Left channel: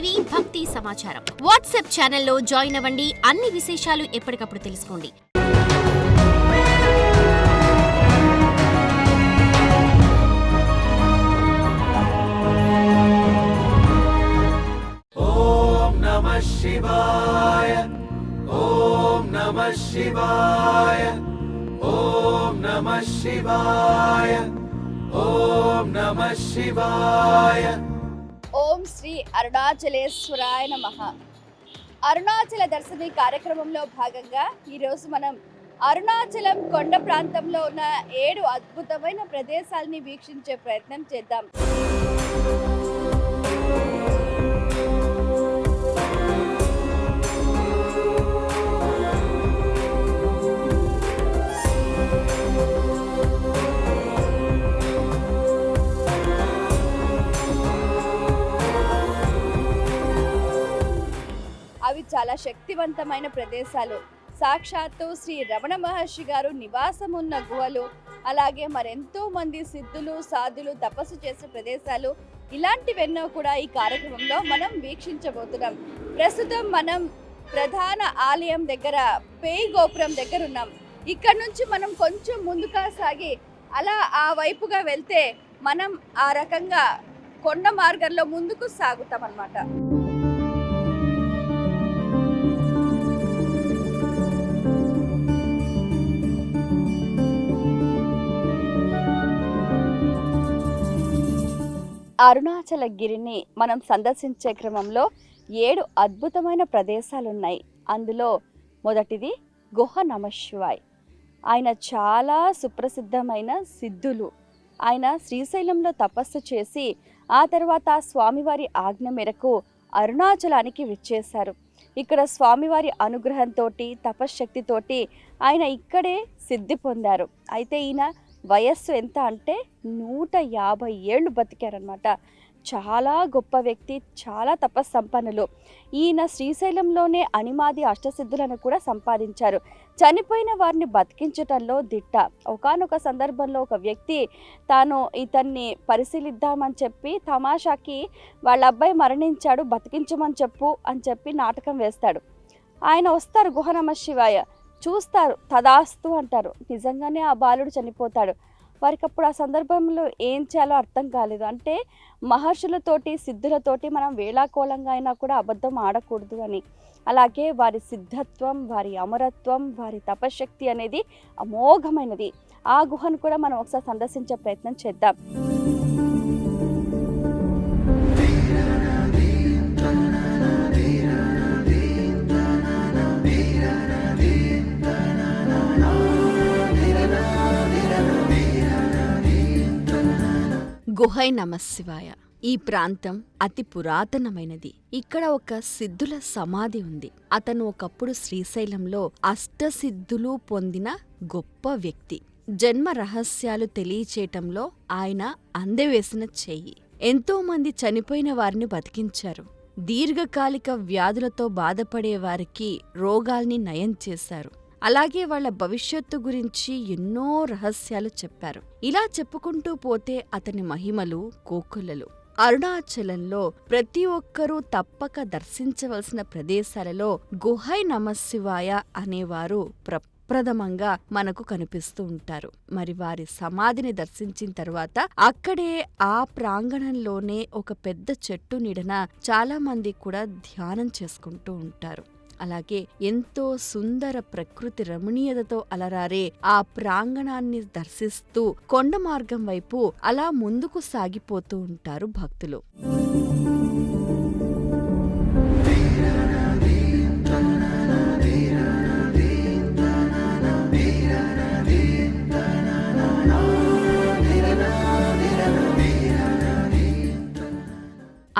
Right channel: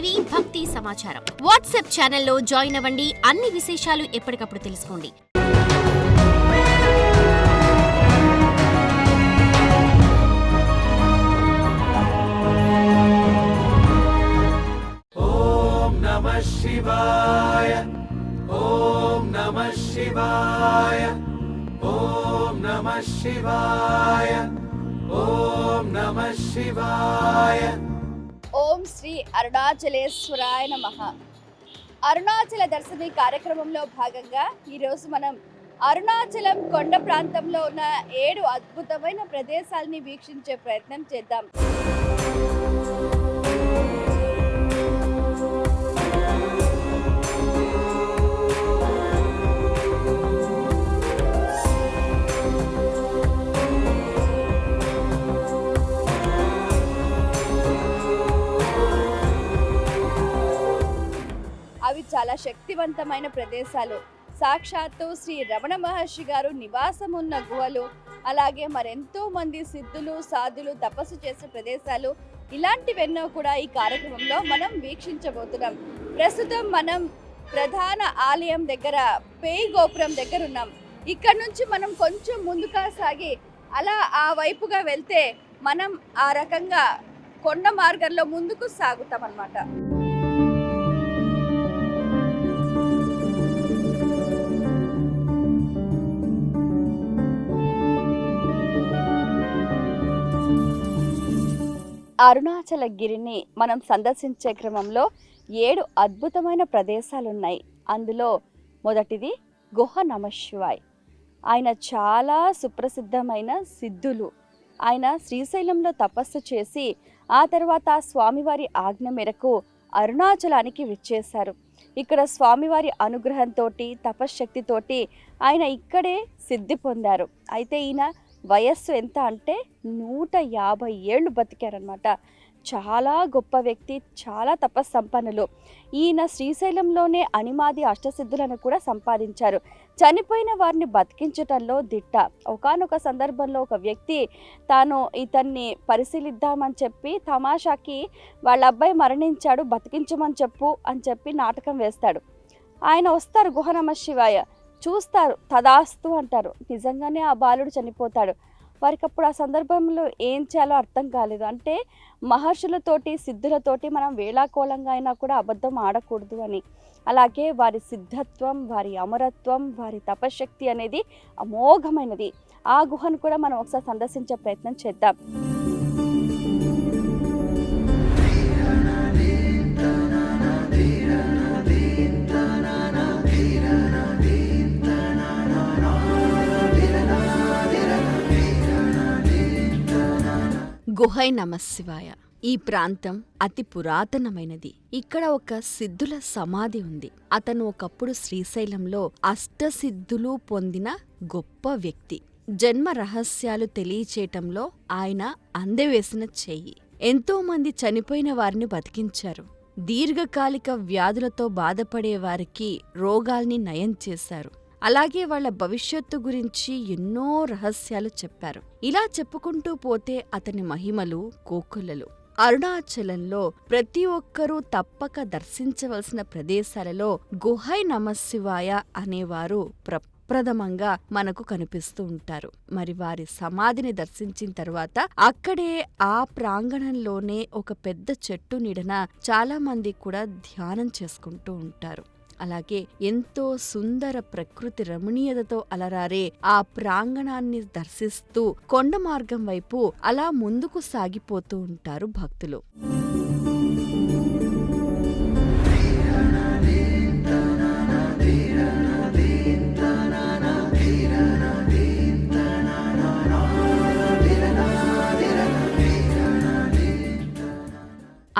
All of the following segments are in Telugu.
టీవీ భక్తి సమాచారం వాట్సాప్ ఛానల్లో జాయిన్ అవ్వండి. అన్ని విశేషాలు ఎప్పటికప్పుడు తెలుసుకోండి. ఓం నమః శివాయ ఓం నమః శివాయ ఓం నమః శివాయ ఓం నమః శివాయ. ఓం శ్రీ అరుణాచలేశ్వరాయ నమః. అరుణాచల దర్శని కార్యక్రమంలో భాగంగా ఈరోజు మనం అరుణాచలం కొండ ప్రాంతంలో ఉన్న 7 అద్భుతమైన ప్రదేశాలని వీక్షించే ప్రయత్నం చేద్దాం. అవి చాలా శక్తివంతమైన ప్రదేశాలు. సాక్షాత్తు శ్రీ రమణ మహర్షి గారు నివాసం ఉన్న గుహలు, అలాగే మరెంతో మంది సిద్ధులు సాధులు తపస్సు చేసే ప్రదేశాలు, ఇలాంటివెన్నో కూడా ఈ కార్యక్రమంలో మనం వీక్షించబోతున్నాం. ప్రస్తుతం మనం ప్రధాన ఆలయం దగ్గర పేయి గోపురం దగ్గర ఉన్నాం. ఇక్కడ నుంచి మనం కొంచెం ముందుగా సాగి అలా ఆ వైపుగా వెళ్తే మనం ఆ రకంగా కొండ మార్గంలో ముందుకు సాగుతాం అన్నమాట. అరుణాచల గిరిని మనం సందర్శించే క్రమంలో 7 అద్భుతమైన ప్రదేశాలున్నాయి. అందులో మొదటిది గుహ నమశివాయ్. ఆయన చాలా సుప్రసిద్ధమైన సిద్ధులు. ఆయన శ్రీశైలంలో తపస్సు చేసి ఆ తర్వాత స్వామివారి ఆజ్ఞ మేరకు అరుణాచలానికి విచ్చేశారు. ఇక్కడ స్వామివారి అనుగ్రహంతో తపశ్శక్తితోటి ఆయన ఇక్కడే సిద్ధి పొందారు. అయితే ఈయన వయస్సు ఎంత అంటే 150 ఏళ్ళు బతికారనమాట. చాలా గొప్ప వ్యక్తి, చాలా తపస్సంపన్నులు. ఈయన శ్రీశైలంలోనే అనిమాది అష్టసిద్ధులను కూడా సంపాదించారు. చనిపోయిన వారిని బతికించటంలో దిట్ట. ఒకానొక సందర్భంలో ఒక వ్యక్తి తాను ఇతన్ని పరిశీలిద్దామని చెప్పి తమాషాకి వాళ్ళ అబ్బాయి మరణించాడు, బతికించమని చెప్పు అని చెప్పి నాటకం వేస్తాడు. ఆయన వస్తారు గుహ నమశివాయ, చూస్తారు, తదాస్తు అంటారు. నిజంగానే ఆ బాలుడు చనిపోతాడు. వారికి అప్పుడు ఆ సందర్భంలో ఏం చేయాలో అర్థం కాలేదు. అంటే మహర్షులతోటి సిద్ధులతోటి మనం వేళాకోళంగా అయినా కూడా అబద్ధం ఆడకూడదు అని. అలాగే వారి సిద్ధత్వం, వారి అమరత్వం, వారి తపశక్తి అనేది అమోఘమైనది. ఆ గుహను కూడా మనం ఒకసారి సందర్శించే ప్రయత్నం చేద్దాం. గుహై నమశివాయ. ఈ ప్రాంతం అతి పురాతనమైనది. ఇక్కడ ఒక సిద్ధుల సమాధి ఉంది. అతను ఒకప్పుడు శ్రీశైలంలో అష్టసిద్ధులు పొందిన గొప్ప వ్యక్తి. జన్మ రహస్యాలు తెలియచేయటంలో ఆయన అందెవేసిన చెయ్యి. ఎంతో మంది చనిపోయిన వారిని బతికించారు. దీర్ఘకాలిక వ్యాధులతో బాధపడే వారికి రోగాల్ని నయం చేశారు. అలాగే వాళ్ల భవిష్యత్తు గురించి ఎన్నో రహస్యాలు చెప్పారు. ఇలా చెప్పుకుంటూ పోతే అతని మహిమలు కోకొల్లలు. అరుణాచలంలో ప్రతి ఒక్కరూ తప్పక దర్శించవలసిన ప్రదేశాలలో గుహై నమశివాయ అనేవారు ప్రప్రథమంగా మనకు కనిపిస్తూ ఉంటారు. మరి వారి సమాధిని దర్శించిన తర్వాత అక్కడే ఆ ప్రాంగణంలోనే ఒక పెద్ద చెట్టు నీడన చాలా మంది కూడా ధ్యానం చేసుకుంటూ ఉంటారు. అలాగే ఎంతో సుందర ప్రకృతి రమణీయతతో అలరారే ఆ ప్రాంగణాన్ని దర్శిస్తూ కొండ మార్గం వైపు అలా ముందుకు సాగిపోతూ ఉంటారు భక్తులు.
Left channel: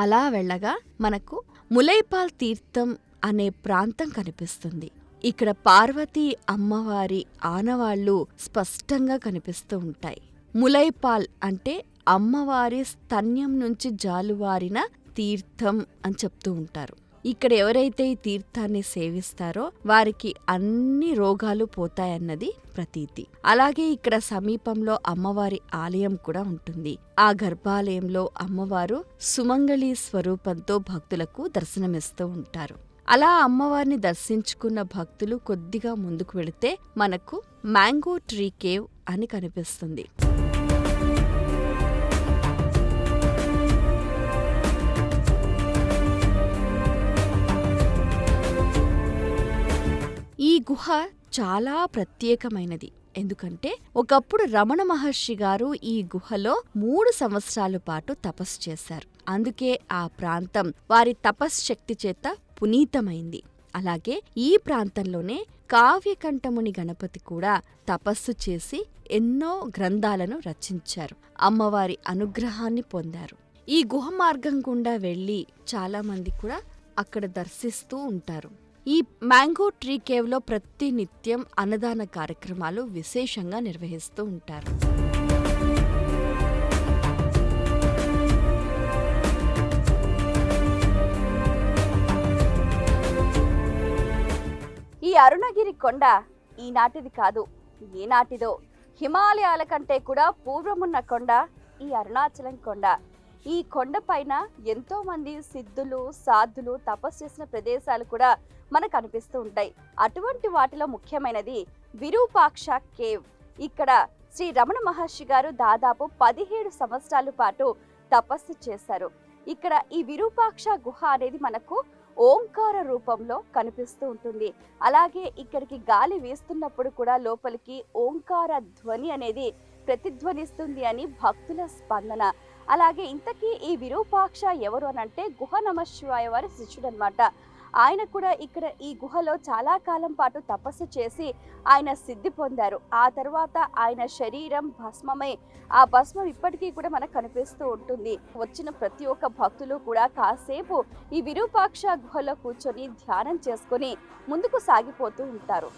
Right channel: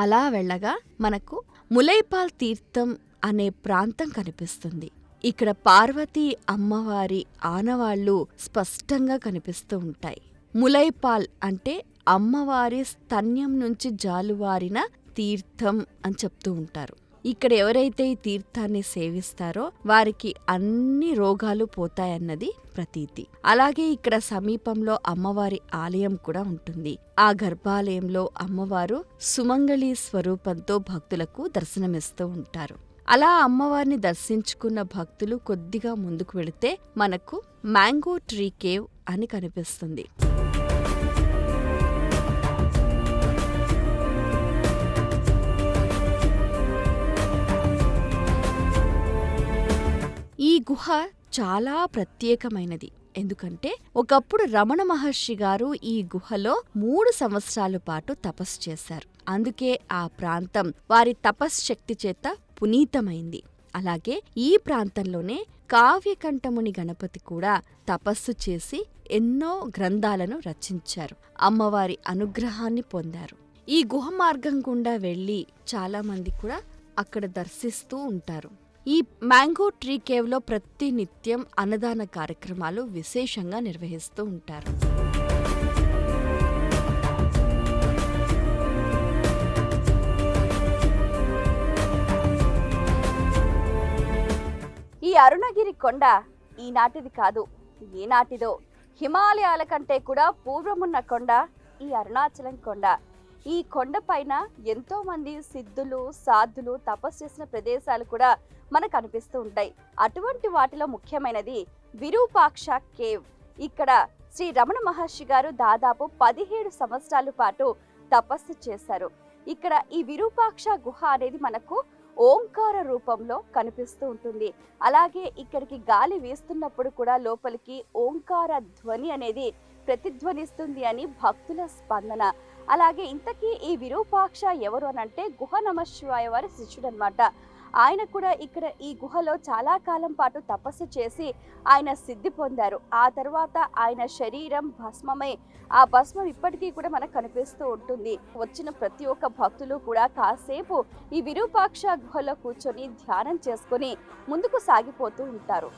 అలా వెళ్ళగా మనకు ములైపాల్ తీర్థం అనే ప్రాంతం కనిపిస్తుంది. ఇక్కడ పార్వతీ అమ్మవారి ఆనవాళ్లు స్పష్టంగా కనిపిస్తూ ఉంటాయి. ములైపాల్ అంటే అమ్మవారి స్తన్యం నుంచి జాలువారిన తీర్థం అని చెప్తూ ఉంటారు. ఇక్కడ ఎవరైతే ఈ తీర్థాన్ని సేవిస్తారో వారికి అన్ని రోగాలు పోతాయన్నది ప్రతీతి. అలాగే ఇక్కడ సమీపంలో అమ్మవారి ఆలయం కూడా ఉంటుంది. ఆ గర్భాలయంలో అమ్మవారు సుమంగళి స్వరూపంతో భక్తులకు దర్శనమిస్తూ ఉంటారు. అలా అమ్మవారిని దర్శించుకున్న భక్తులు కొద్దిగా ముందుకు వెళితే మనకు మ్యాంగో ట్రీ కేవ్ అని కనిపిస్తుంది. ఈ గుహ చాలా ప్రత్యేకమైనది. ఎందుకంటే ఒకప్పుడు రమణ మహర్షి గారు ఈ గుహలో 3 సంవత్సరాల పాటు తపస్సు చేశారు. అందుకే ఆ ప్రాంతం వారి తపశ్శక్తి చేత పునీతమైంది. అలాగే ఈ ప్రాంతంలోనే కావ్యకంఠముని గణపతి కూడా తపస్సు చేసి ఎన్నో గ్రంథాలను రచించారు. అమ్మవారి అనుగ్రహాన్ని పొందారు. ఈ గుహ మార్గం గుండా వెళ్లి చాలా మంది కూడా అక్కడ దర్శిస్తూ ఉంటారు. ఈ మ్యాంగో ట్రీ కేవ్లో ప్రతి నిత్యం అన్నదాన కార్యక్రమాలు విశేషంగా నిర్వహిస్తూ ఉంటారు. ఈ అరుణగిరి కొండ ఈనాటిది కాదు, ఏనాటిదో. హిమాలయాల కంటే కూడా పూర్వమున్న కొండ ఈ అరుణాచలం కొండ. ఈ కొండపైన ఎంతో మంది సిద్ధులు, సాధులు తపస్సు చేసిన ప్రదేశాలు కూడా మనకు కనిపిస్తూ ఉంటాయి. అటువంటి వాటిలో ముఖ్యమైనది విరూపాక్ష కేవ్. ఇక్కడ శ్రీ రమణ మహర్షి గారు దాదాపు 17 సంవత్సరాల పాటు తపస్సు చేశారు. ఇక్కడ ఈ విరూపాక్ష గుహ అనేది మనకు ఓంకార రూపంలో కనిపిస్తూ ఉంటుంది. అలాగే ఇక్కడికి గాలి వీస్తున్నప్పుడు కూడా లోపలికి ఓంకార ధ్వని అనేది ప్రతిధ్వనిస్తుంది అని భక్తుల స్పందన. అలాగే ఇంతకీ ఈ విరూపాక్ష ఎవరు అనంటే గుహ నమశివాయ వారి శిష్యుడు అనమాట. ఆయన కూడా ఇక్కడ ఈ గుహలో చాలా కాలం పాటు తపస్సు చేసి ఆయన సిద్ధి పొందారు. ఆ తర్వాత ఆయన శరీరం భస్మమై ఆ భస్మం ఇప్పటికీ కూడా మనకు కనిపిస్తూ ఉంటుంది. వచ్చిన ప్రతి ఒక్క భక్తులు కూడా కాసేపు ఈ విరూపాక్ష గుహలో కూర్చొని ధ్యానం చేసుకొని ముందుకు సాగిపోతూ ఉంటారు.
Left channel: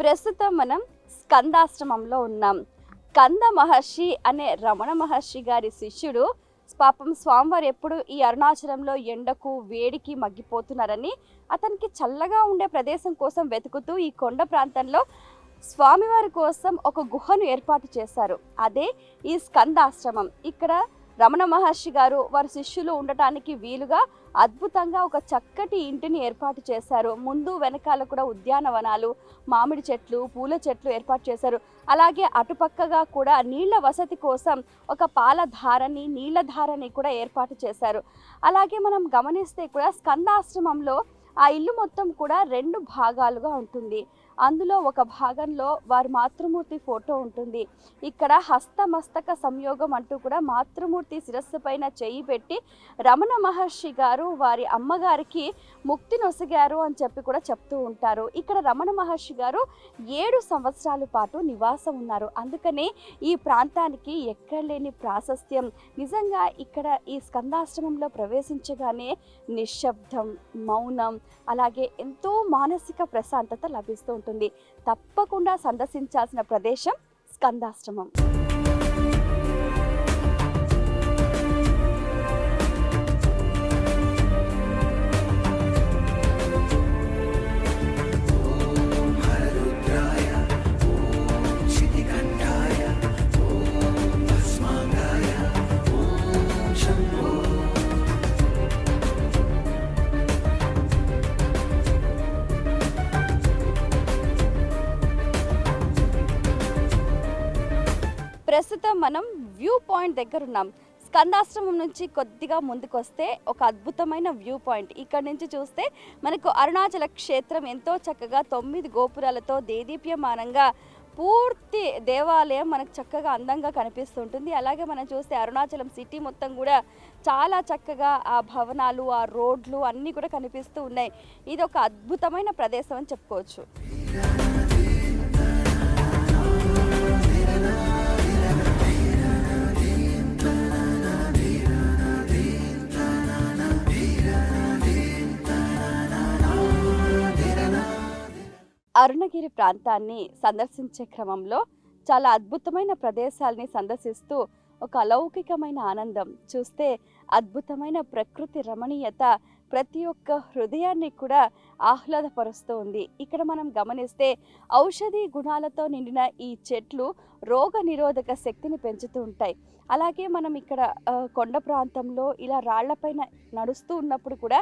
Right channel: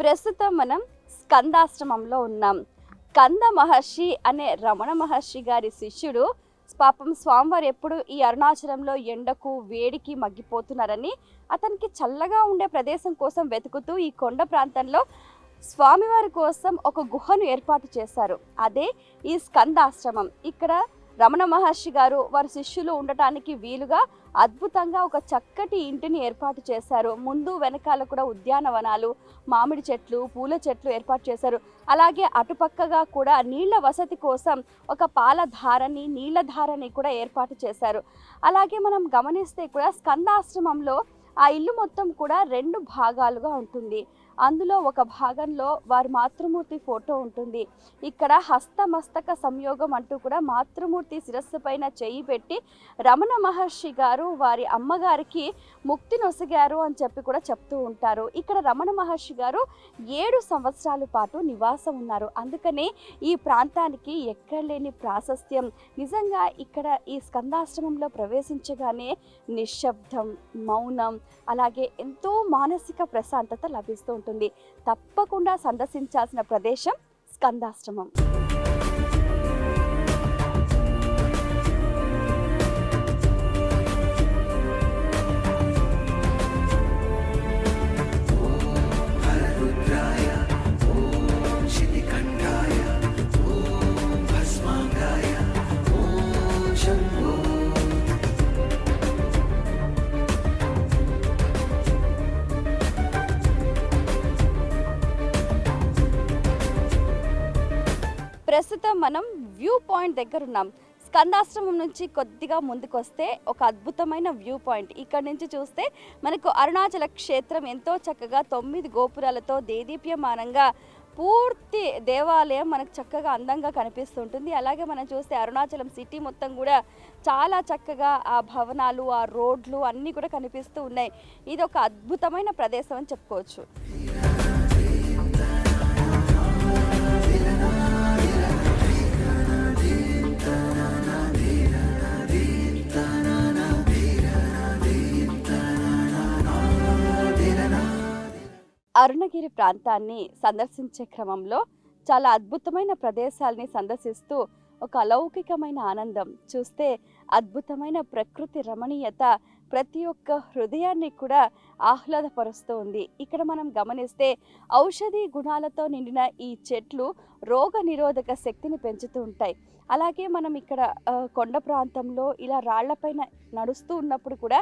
ప్రస్తుతం మనం స్కందాశ్రమంలో ఉన్నాం. స్కంద మహర్షి అనే రమణ మహర్షి గారి శిష్యుడు. పాపం స్వామివారు ఎప్పుడు ఈ అరుణాచలంలో ఎండకు వేడికి మగ్గిపోతున్నారని అతనికి చల్లగా ఉండే ప్రదేశం కోసం వెతుకుతూ ఈ కొండ ప్రాంతంలో స్వామివారి కోసం ఒక గుహను ఏర్పాటు చేశారు. అదే ఈ స్కందాశ్రమం. ఇక్కడ రమణ మహర్షి గారు వారి శిష్యులు ఉండటానికి వీలుగా అద్భుతంగా ఒక చక్కటి ఇంటిని ఏర్పాటు చేశారు. ముందు వెనకాల కూడా ఉద్యానవనాలు, మామిడి చెట్లు, పూల చెట్లు ఏర్పాటు చేశారు. అలాగే అటుపక్కగా కూడా నీళ్ల వసతి కోసం ఒక పాలధారని, నీళ్లధారని కూడా ఏర్పాటు చేశారు. అలాగే మనం గమనిస్తే కూడా స్కందాశ్రమంలో ఆ ఇల్లు మొత్తం కూడా 2 భాగాలుగా ఉంటుంది. అందులో ఒక భాగంలో వారి మాతృమూర్తి ఫోటో ఉంటుంది. ఇక్కడ హస్తమస్తక సంయోగం అంటూ కూడా మాతృమూర్తి శిరస్సు పైన చేయి పెట్టి రమణ మహర్షి గారు వారి అమ్మగారికి ముక్తి నొసగారు అని చెప్పి కూడా చెప్తూ ఉంటారు. ఇక్కడ రమణ మహర్షి గారు 7 సంవత్సరాల పాటు నివాసం ఉన్నారు. అందుకనే ఈ ప్రాంతానికి ఎక్కడలేని ప్రాశస్త్యం. నిజంగా ఇక్కడ ఈ స్కందాశ్రమంలో ప్రవేశించగానే నిశ్శబ్దం, మౌనం, అలాగే ఎంతో మానసిక ప్రశాంతత లభిస్తూ ఉంటుంది. తప్పకుండా సందర్శించాల్సిన ప్రదేశం స్కందాశ్రమం. ప్రస్తుతం మనం వ్యూ పాయింట్ దగ్గర ఉన్నాం. స్కందాశ్రమం నుంచి కొద్దిగా ముందుకు వస్తే ఒక అద్భుతమైన వ్యూ పాయింట్. ఇక్కడ నుంచి చూస్తే మనకు అరుణాచల క్షేత్రం ఎంతో చక్కగా 9 గోపురాలతో దేదీప్యమానంగా పూర్తి దేవాలయం మనకు చక్కగా అందంగా కనిపిస్తుంటుంది. అలాగే మనం చూస్తే అరుణాచలం సిటీ మొత్తం కూడా చాలా చక్కగా ఆ భవనాలు, ఆ రోడ్లు అన్నీ కూడా కనిపిస్తూ ఉన్నాయి. ఇది ఒక అద్భుతమైన ప్రదేశం అని చెప్పుకోవచ్చు. అరుణగిరి ప్రాంతాన్ని సందర్శించే క్రమంలో చాలా అద్భుతమైన ప్రదేశాలని సందర్శిస్తూ ఒక అలౌకికమైన ఆనందం, చూస్తే అద్భుతమైన ప్రకృతి రమణీయత ప్రతి ఒక్క హృదయాన్ని కూడా ఆహ్లాదపరుస్తూ ఉంది. ఇక్కడ మనం గమనిస్తే ఔషధీ గుణాలతో నిండిన ఈ చెట్లు రోగ నిరోధక శక్తిని పెంచుతూ ఉంటాయి. అలాగే మనం ఇక్కడ కొండ ప్రాంతంలో ఇలా రాళ్లపైన నడుస్తూ ఉన్నప్పుడు కూడా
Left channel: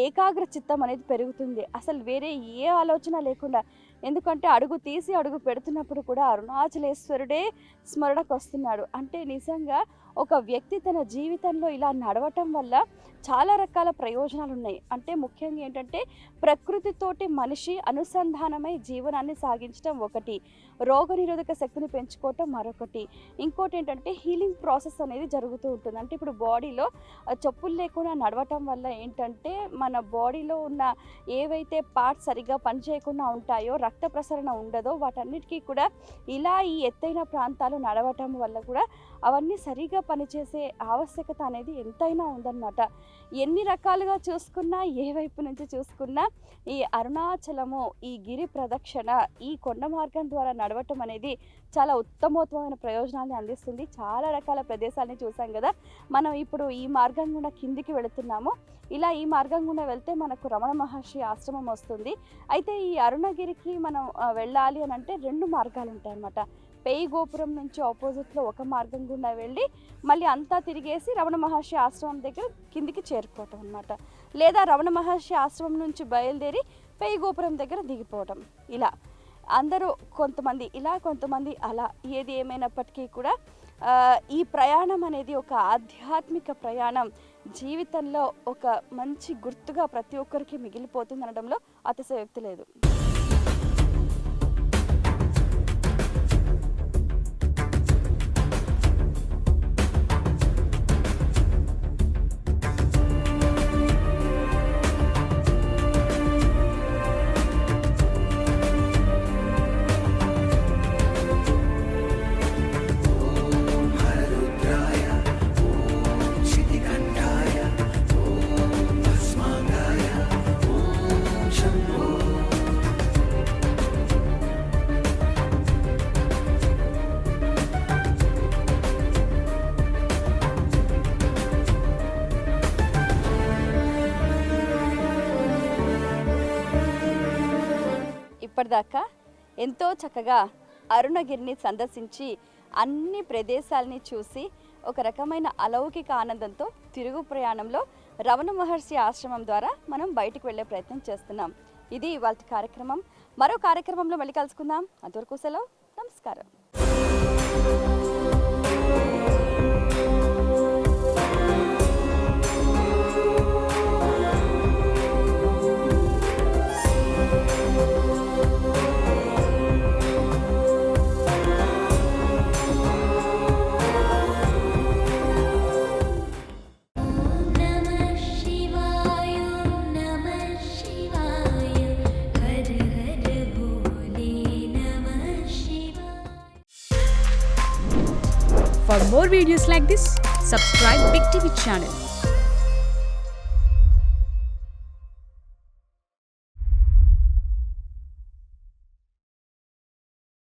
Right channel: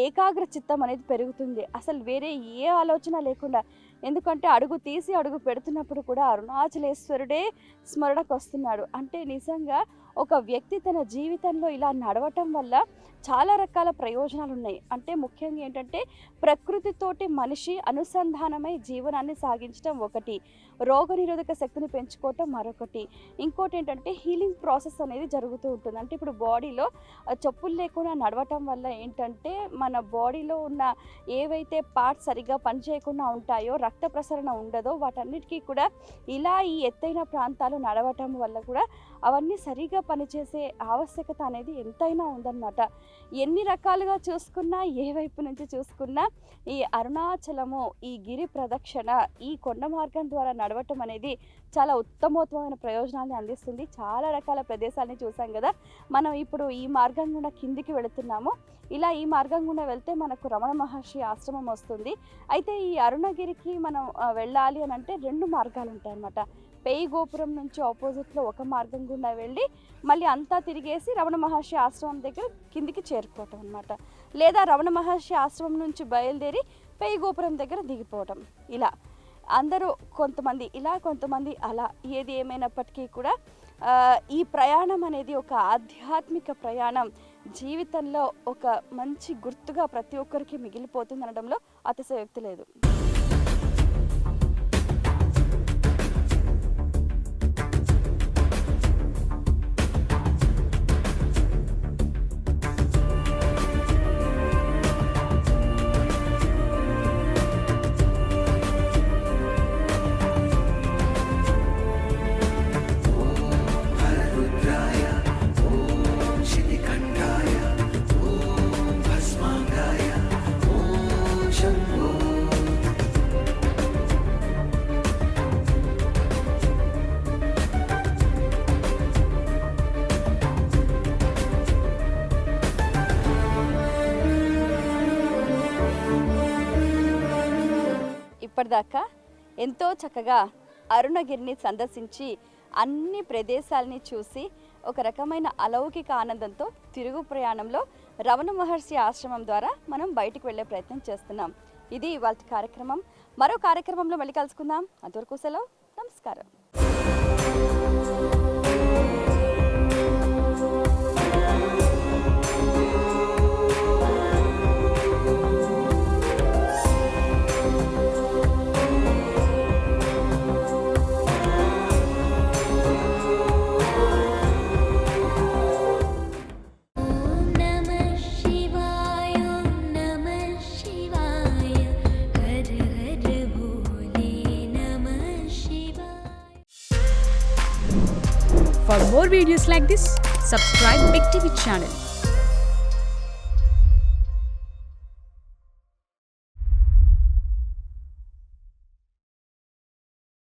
ఏకాగ్ర చిత్తం అనేది పెరుగుతుంది. అసలు వేరే ఏ ఆలోచన లేకుండా, ఎందుకంటే అడుగు తీసి అడుగు పెడుతున్నప్పుడు కూడా అరుణాచలేశ్వరుడే స్మరణకు వస్తున్నాడు. అంటే నిజంగా ఒక వ్యక్తి తన జీవితంలో ఇలా నడవటం వల్ల చాలా రకాల ప్రయోజనాలు ఉన్నాయి. అంటే ముఖ్యంగా ఏంటంటే ప్రకృతితోటి మనిషి అనుసంధానమై జీవనాన్ని సాగించడం ఒకటి, రోగనిరోధక శక్తిని పెంచుకోవటం మరొకటి, ఇంకోటి ఏంటంటే హీలింగ్ ప్రాసెస్ అనేది జరుగుతూ ఉంటుంది. అంటే ఇప్పుడు బాడీలో చెప్పులు లేకుండా నడవటం వల్ల ఏంటంటే మన బాడీలో ఉన్న ఏవైతే పార్ట్స్ సరిగ్గా పనిచేయకుండా ఉంటాయో, రక్త ప్రసరణ ఉండదో, వాటన్నిటికీ కూడా ఇలా ఈ ఎత్తైన ప్రాంతాలు నడవటం వల్ల కూడా అవన్నీ సరిగా పనిచేసే ఆవశ్యకత అనేది ఎంతైనా ఉందన్నమాట. ఎన్ని రకాలుగా చూసుకున్నా, ఏ వైపు నుంచి చూసుకున్నా ఈ అరుణాచలము, ఈ గిరి ప్రదక్షిణ, ఈ కొండ మార్గం ద్వారా నడవటం అనేది చాలా ఉత్తమోత్తమైన ప్రయోజనాన్ని అందిస్తుంది. చాలా రకాల ప్రదేశాలని చూసాం కదా. మనం ఇప్పుడు ఈ మార్గం గుండా కిందికి వెళుతున్నాము. ఇలా ఈ మార్గం గుండా వెళ్తే మనకు రమణ మహర్షి ఆశ్రమం వస్తుంది. అయితే ఈ అరుణగిరికి మనం వెళ్ళాలి అని అంటే 2 మార్గాలు ఉంటాయన్నమాట. పేయి గోపురం నుంచి ఆపోజిట్లో ఒక మార్గం గుండా వెళ్ళి మళ్ళీ అంతా తిరిగేసి రమణ మహర్షి ఆశ్రమం దగ్గర కిందికి చేరుకోవటం అన్నమాట. లేదా రమణ మహర్షి ఆశ్రమం నుంచి బయలుదేరి పేయి గోపురం దగ్గర దిగిపోవటం. ఇలా అందరూ కొంతమంది ఇలా, కొంతమంది అలా, ఏది ఏమైనప్పటికీ కూడా ఈ ప్రయాణం అనేది ఒక ఆధ్యాత్మిక ప్రయాణం, జీవితంలో ఒక మంచి గుర్తుగా ప్రతి ఒక్కరికి మిగిలిపోతుంది అనడంలో అతిశయోక్తి లేదు. ఇప్పటిదాకా ఎంతో చక్కగా అరుణగిరిని సందర్శించి అన్ని ప్రదేశాలని చూసి ఒక రకమైన అలౌకిక ఆనందంతో తిరుగు ప్రయాణంలో రమణ మహర్షి ఆశ్రమం ద్వారా మనం బయటకు వెళ్ళే ప్రయత్నం చేస్తున్నాం. ఇది ఇవాల్టి కార్యక్రమం. మరో కార్యక్రమంలో మళ్ళీ కలుసుకుందాం. అంతవరకు సెలవు. నమస్కారం. For more videos like this, subscribe Big TV channel.